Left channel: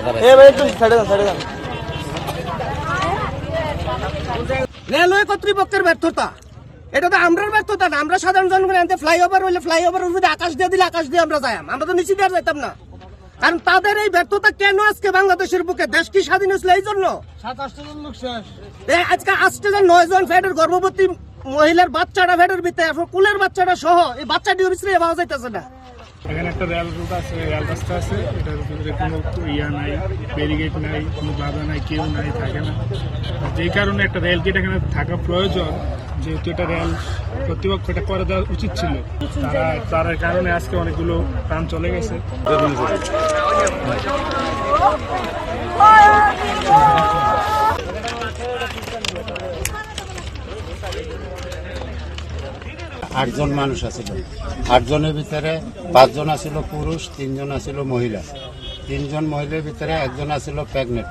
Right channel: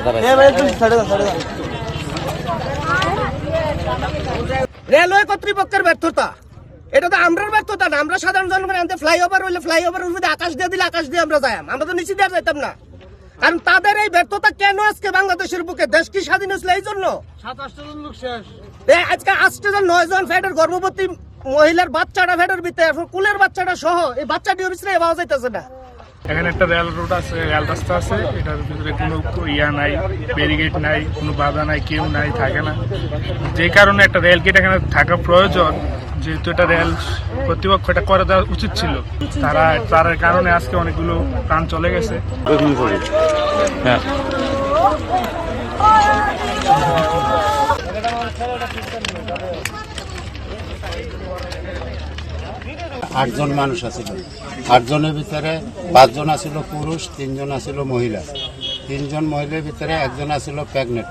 এবার রেলওয়ে কর্তৃপক্ষের ব্যর্থতা। এটা তো আমরার ব্যর্থতা না আমরা সাধারণ জনগণ আনতে ফ্লাইওভার হইলে ফ্লাইওভার উঠে আকাশ দিয়ে দিলে আকাশ দিয়ে আমরা যাই আমরা তো নিচে দিয়ে যাইতাম না। কারণ তাদের এই ব্যর্থতা কেন আজকে বাংলাদেশের বুকে? দেশ কি স্বাধীন হয়েছিল এই জন্য? আজকে আজকে জন নয় জন ফ্যাটের গর্ভবতী মহিলার বাচ্চাটা ফ্যাটের ভিতরে এখন কুলের বাচ্চাটা সহ এই বাচ্চাটি অফিসে পাওয়া যাইতেছে না। এখানে একটা রেল রোড আছে রেল রাস্তা আছে। এটার ভিতরে কোনো ইয়া নাই ব্যারিগেড নাই, কোনো বাধা নাই, কেউ নাই, থাকে না। যে কারণে একটা রেল গেট এখানে থাকা প্রয়োজন, যেহেতু এটা রেল কর্তৃপক্ষ এটা করে দেওয়া উচিত ছিল। তারা, তার কারণে আজকে অনেকগুলো প্রাণ চলে গেছে। হ্যাঁ। আটজন মানুষ আছিল। আটজনের ভিতরে পাঁচজন আছিল পুরুষ তিনজন আছিল মহিলা। তিনজন মহিলার ভিতরে একজন আছিল প্রেগনেন্ট।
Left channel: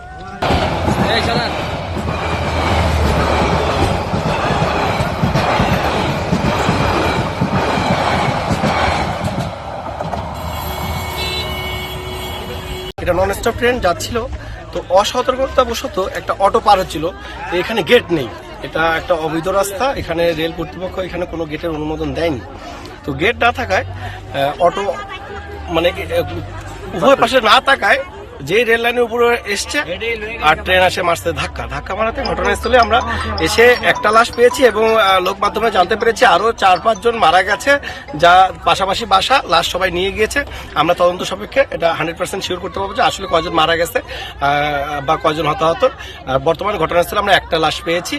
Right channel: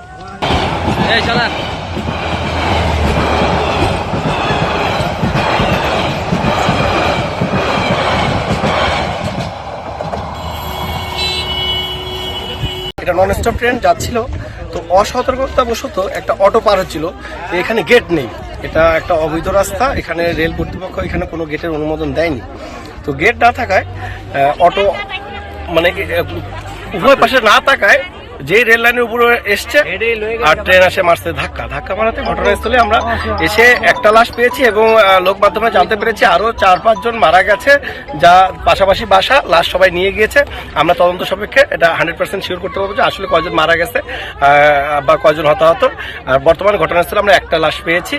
এটা নন স্টপ ট্রেন যাচ্ছিল। তো অসতর্কতা বশত একটা অটো পার হচ্ছিল। এখানে গেট নেই। এটা একটা অবৈধ রাস্তা, এখানে রেল কর্তৃপক্ষ এখানে কোনো গেটের অনুমোদন দেয়নি। তো গেট না থাকায় অটো মানে উভয় পাশে না থাকায় যে রেল লাইনের উপরে এসছে আর ট্রেন আসে মারতে ধাক্কা। ধাক্কা মারাতে ঘটনাস্থলে আমরা এসে একটা লাশ পেয়েছি এবং লোক মাধ্যমে জানতে পেরেছি আরও চার পাঁচজন মারা গেছে, যা পাশাপাশি বাসা, লাশ সবাই নিয়ে গিয়েছে। আমরা তদন্ত সাপেক্ষে এটা হান্ড্রেড পার্সেন্ট শিওর করতে পারব যে আসলে কয়জন মারা গেছে বা কয়জন হতাহত। আর বর্তমান ঘটনাস্থলে আমরা একটা লাশ পেয়েছি।